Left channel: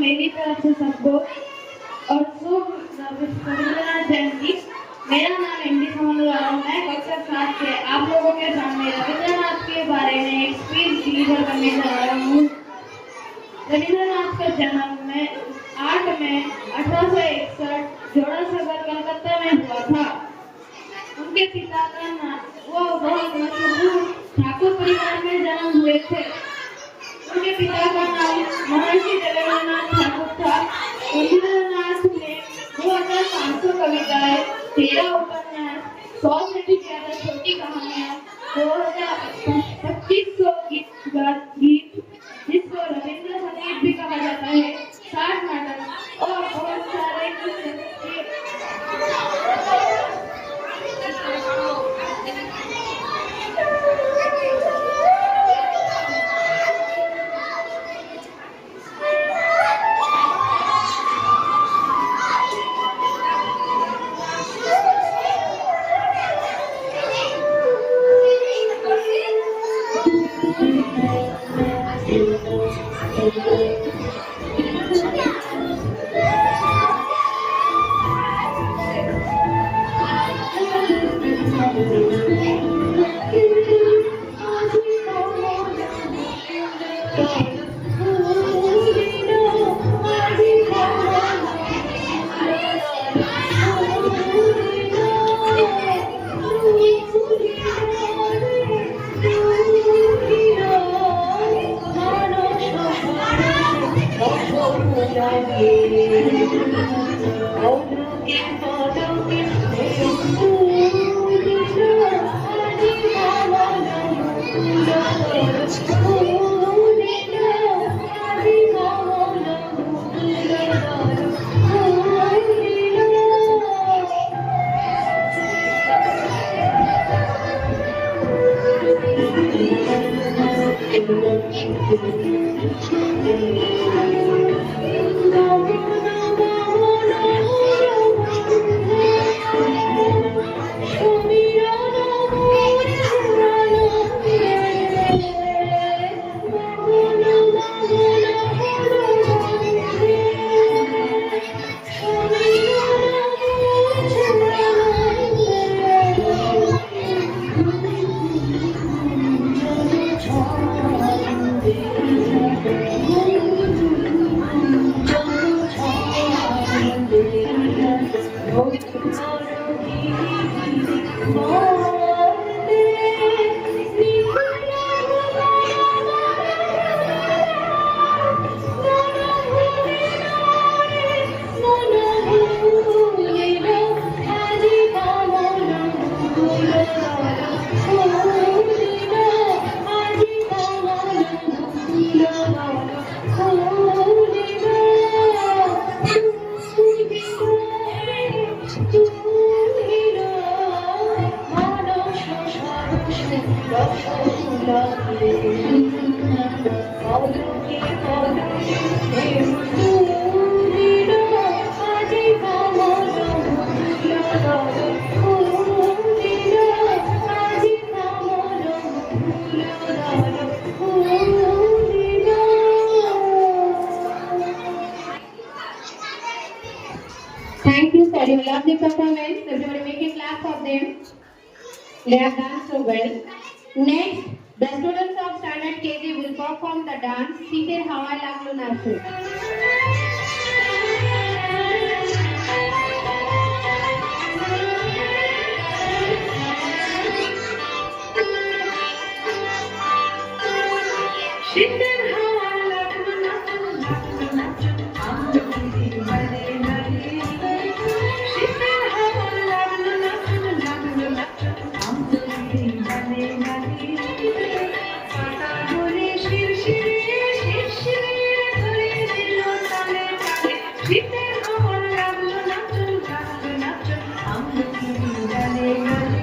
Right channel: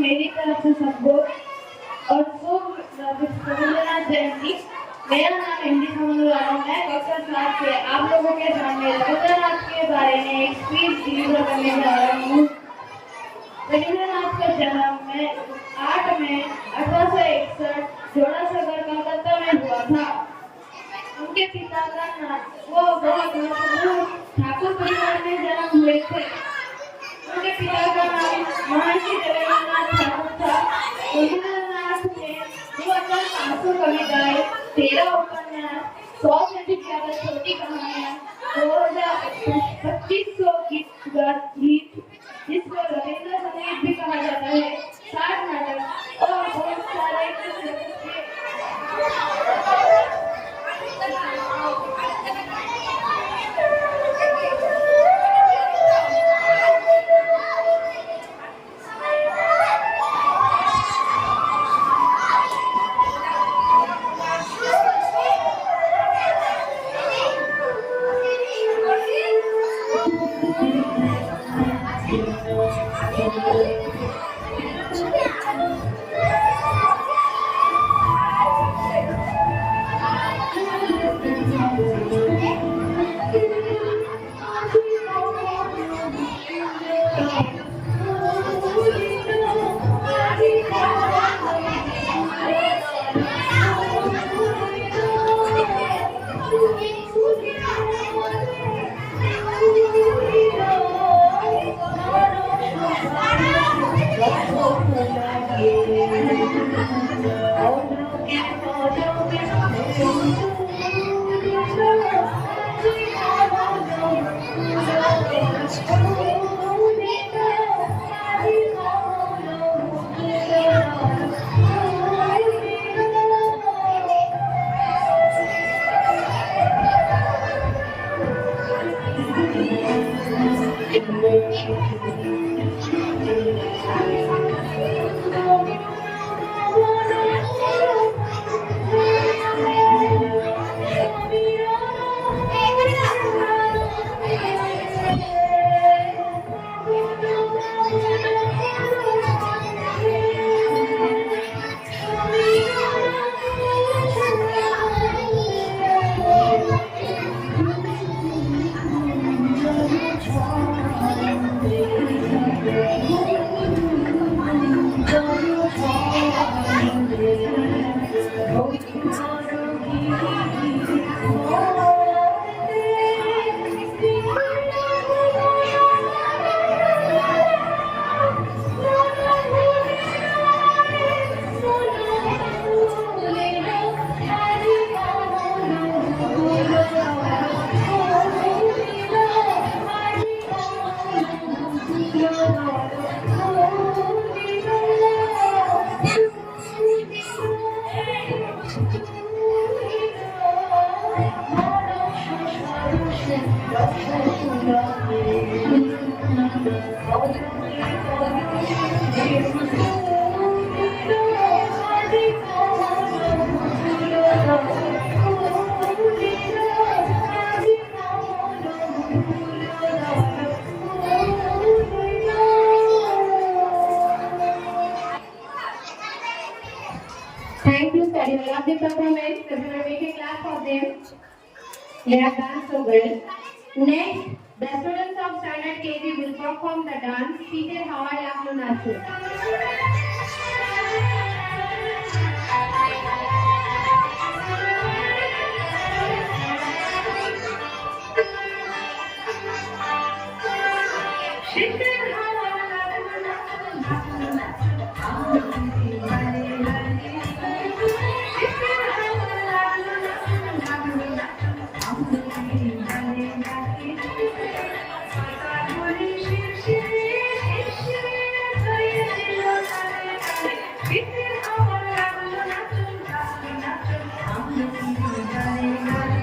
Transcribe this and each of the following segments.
मेरी तरफ से सबको और शुभ रविंद्रनाथ जयंती। मेरा नाम हिंदी समझ वाला मैं कक्षा क्लास से आप लोगों के सामने रविंद्रनाथ के बारे में एक स्पीच डिलीवर करने जा रहा हूँ। रविंद्रनाथ का जन्म में 8 मई 1861 जोड़ासागर कलकत्ता में हुआ था। उनके पिता का नाम वो बहुत मशहूर ठाकुर परिवार में जन्म हुए थे। उनके पिता का नाम महर्षि देवेंद्रनाथ ठाकुर था। रविंद्रनाथ ने 2500 कविताएं, 13 उपन्यास, 100 से भी ज्यादा छोटी कहानियां, 2500 गीत जिसको रविंद्र संगीत भी कहा जाता है, 60 नाटक और बहुत सारे Thank you, sir. You love the performance. Everybody make a clap for them. They have done so well. Next, the students of standard KG will perform the dance Site Hawala Nasu. শীতের হাওয়ার লাগলো নাচন লাগলো নাচন আমরি গানে গানে শীতের হাওয়ার লাগলো নাচন লাগলো নাচন আমরি গানে গানে ছাতা ধরে শিরশিরে শিরশিরে ধরিয়ে দিল টানে টানে শীতের হাওয়ার লাগলো নাচন লাগলো নাচন আমরি গানে গানে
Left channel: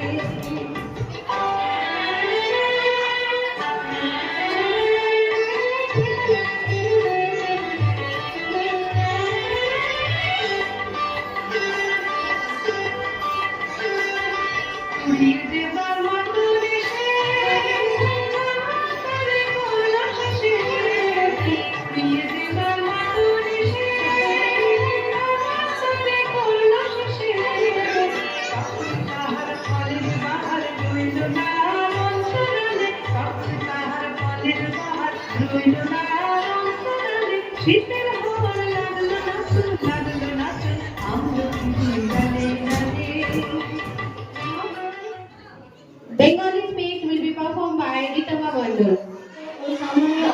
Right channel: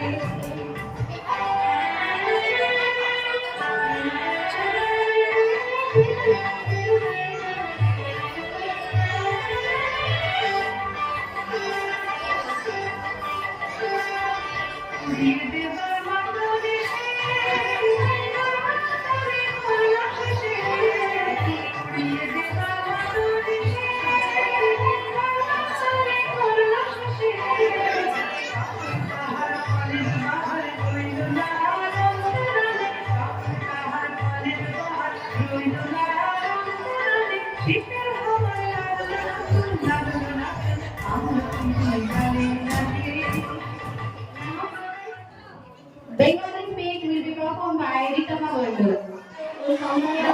শীতের হাওয়া লাগলো নাচন লাগলো নাচন আমরি গানে গানে Bengali speech will be performed by Ritama Gondal.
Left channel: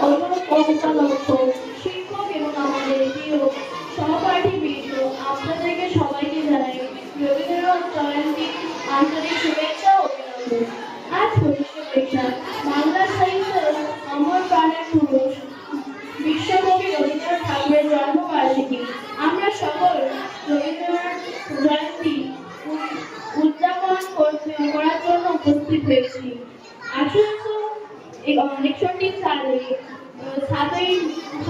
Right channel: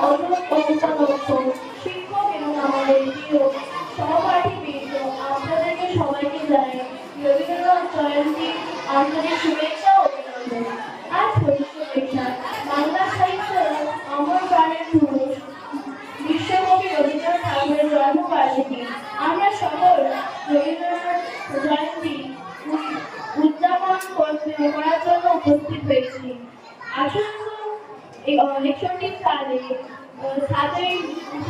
অনুরোধ করতে লক্ষ্য শিক্ষক এবং আমাদের প্রিয় সহপাঠীবৃন্দ আপনাদেরকে সবাইকে জানাই রবীন্দ্রনাথ জয়ন্তী আন্তরিক শুভেচ্ছা ও অভিনন্দন। আজ 25শে বৈশাখ বাংলা সাহিত্যের অমর প্রাণের পুরুষ বিশ্বকবি রবীন্দ্রনাথ ঠাকুরের জন্মবার্ষিকী। আমরা সকল রবীন্দ্রনাথ জয়ন্তী উদযাপন করার জন্য উপস্থিত হয়েছি। 1861 সালে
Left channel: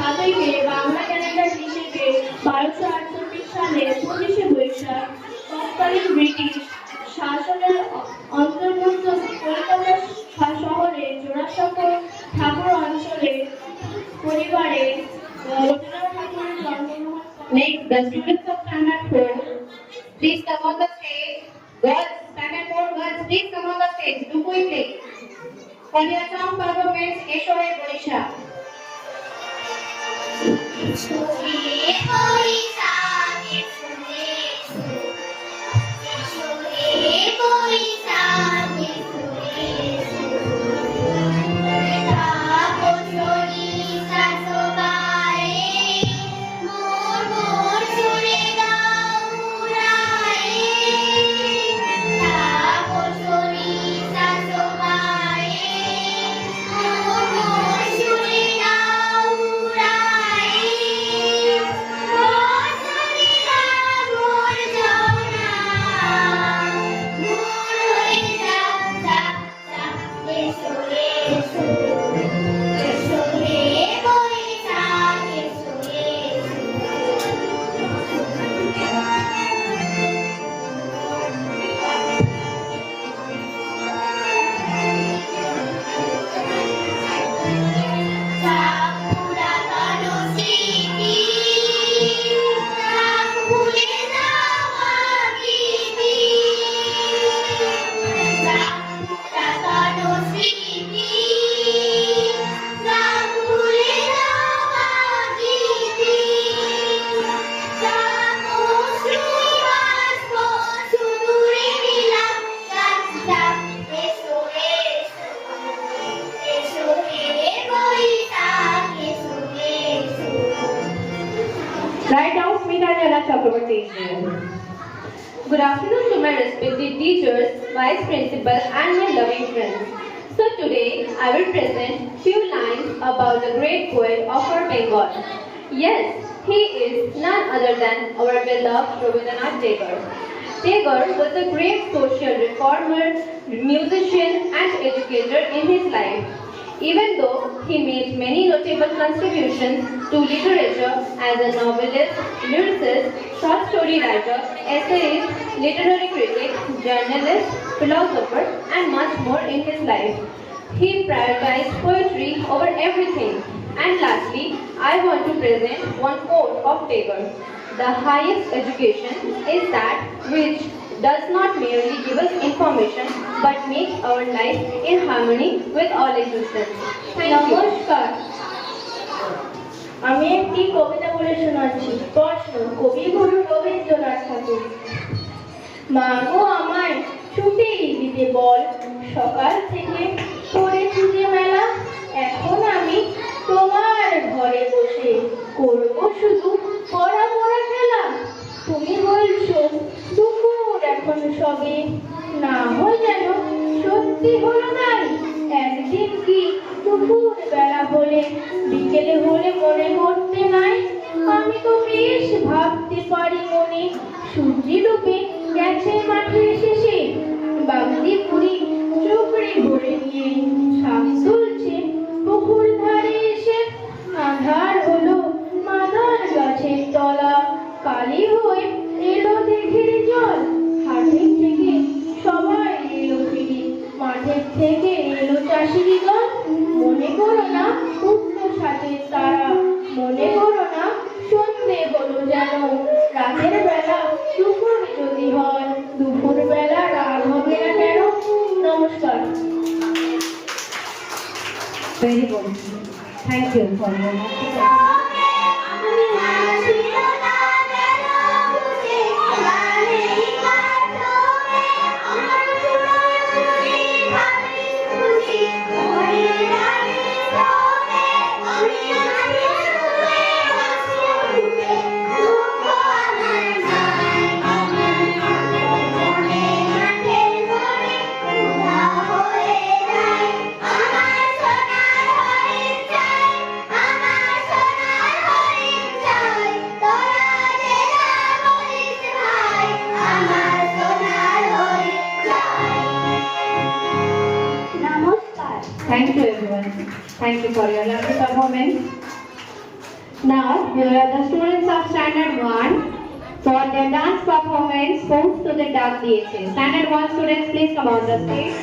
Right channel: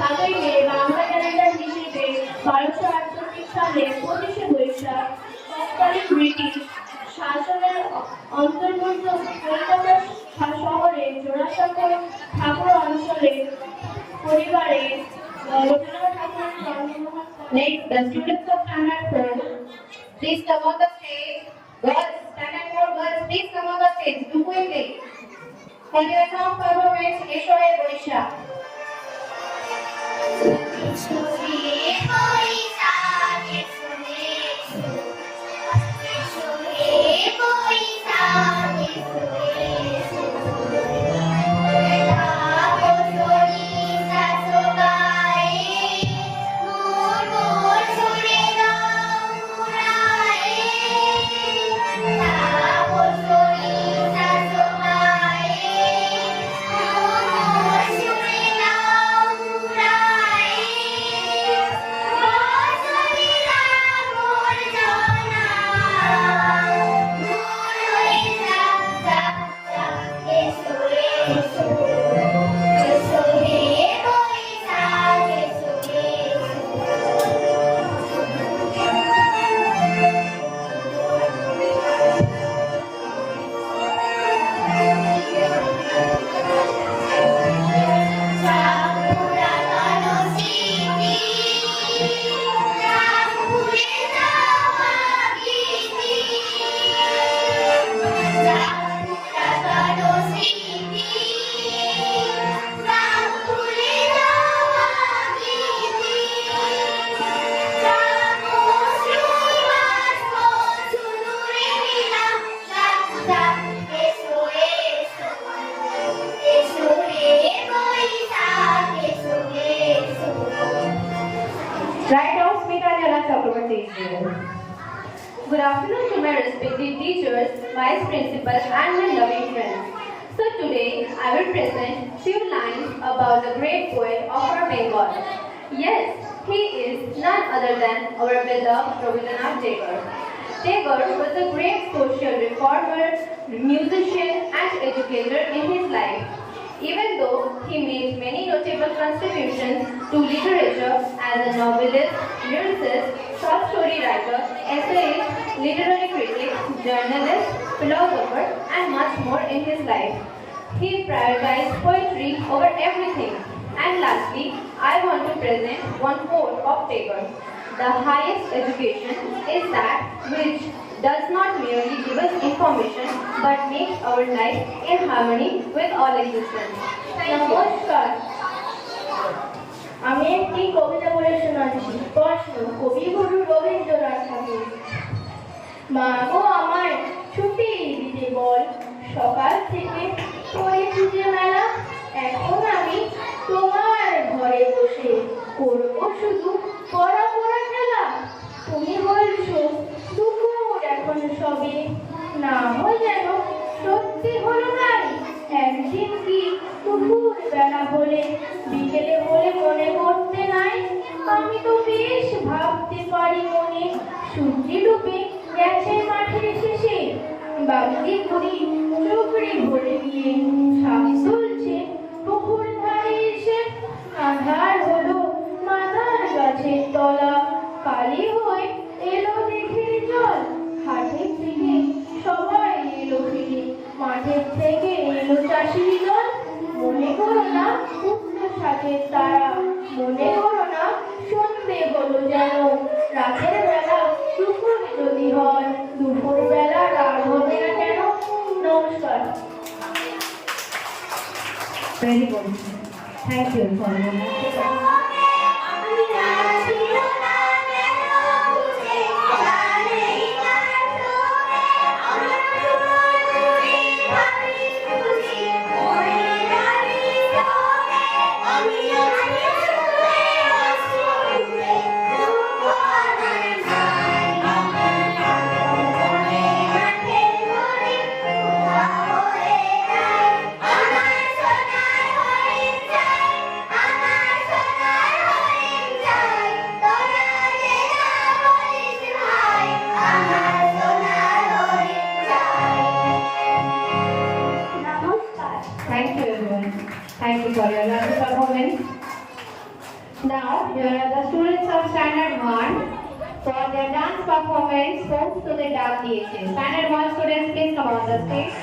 7ই মে বাংলা ক্যালেন্ডার হিসেবে 1248 সালে 25শে বৈশাখ তৎকালীন ব্রিটিশ শাসনের অন্তর্ভুক্ত কলকাতা শহরে জোড়াসাঁকো ঠাকুর অঞ্চলে পরিবারে রবীন্দ্রনাথ ঠাকুরের জন্মগ্রহণ। Next, the students of standard 4, please come on the stage. Girls, standard 4 girls, please come on the stage. Do quickly. For your song performance, Eshoe Boisha. Right now, Smita Jana Chakraborty is here. Good afternoon to my respected teachers, vice principal, and my loving friends. So today, I will present few lines about the great poet of our Bengal. Yes, he is none other than our beloved Rabindranath Tagore. Tagore was a great social reformer, musician, and educator in his life. Even though he made many notable contributions to literature as a novelist, lyricist, short story writer, essayist, literary critic, journalist, philosopher, and much more in his life, he prioritized poetry over everything. And lastly, I want to present one quote of Tagore. The highest education is that which does not merely give us information but makes our life in harmony with all existence. Thank you. নমস্কার, আমি একটি কবিতা বলে শোনাচ্ছি। প্রশ্ন, কবিগুরু রবীন্দ্রনাথ ঠাকুর। মা গো আমায় ছুটি দিতে বল, সকাল থেকে পড়ে খুঁজে মেলা, এখন আমি Thank you for your Thank you everyone. Thank you for your lovely performance. Now, the students of Standard 1 for their dance performance Sports to the Dark DHA. Standard 1 students, please come on the stage.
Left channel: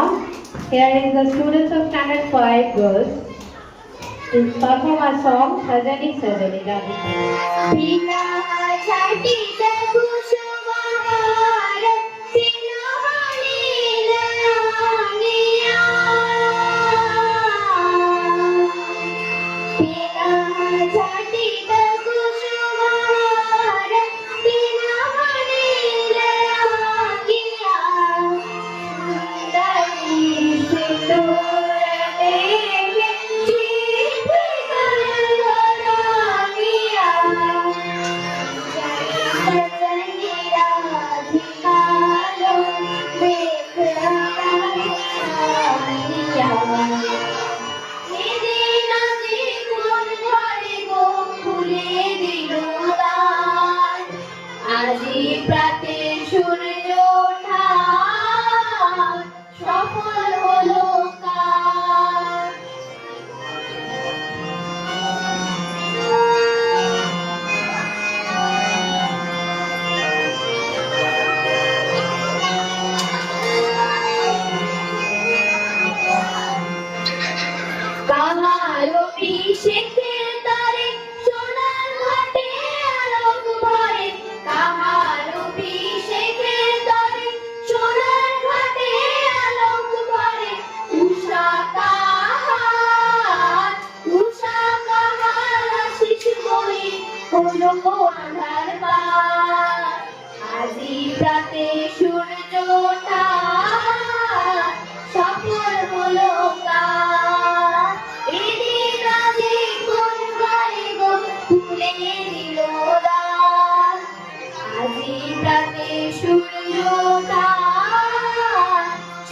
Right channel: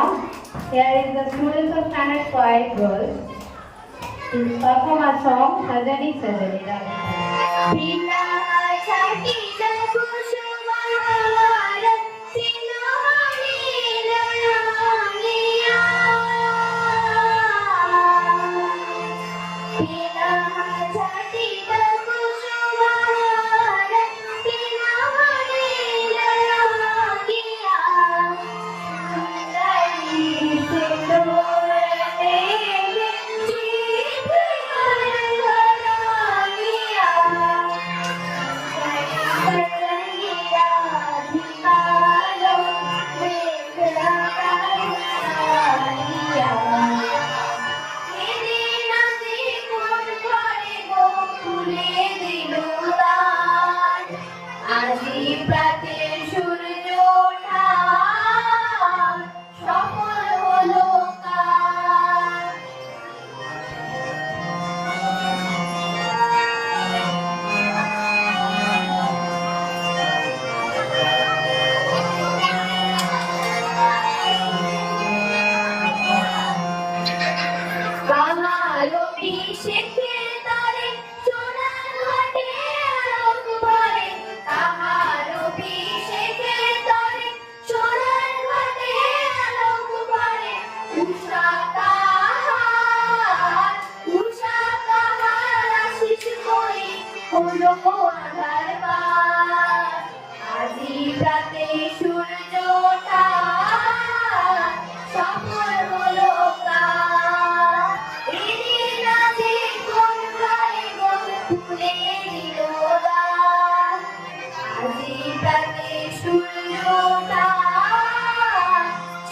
Now, here is the students of Standard 5 girls to perform a song, Sajani Sajani Ravi. बिना छाटी कुसुमहार सिनमणि लयानिया बिना छाटी कुसुमहार सिनमणि लयानिया दई सिंदूर देवी প্রাতে সূর্য ওঠা সফল হলো কাজ কাহারো পিছেতে তারে সোনার ঘাটে আলোক ভরে কাহারো পিছেতে তারে সোনার ঘাটে আলোক ভরে উষা কাহার আশিস বই হলো আধার পার আজি প্রাতে সূর্য ওঠা সফল হলো কাজ এদিন আজি কোন বারে গো তুলে দিল দান আজি প্রাতে সূর্য ওঠা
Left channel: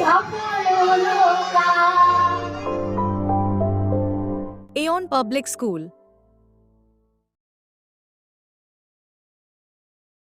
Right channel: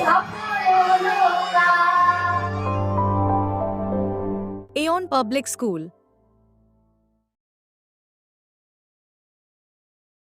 সফল হলো কাজ Aeon Public School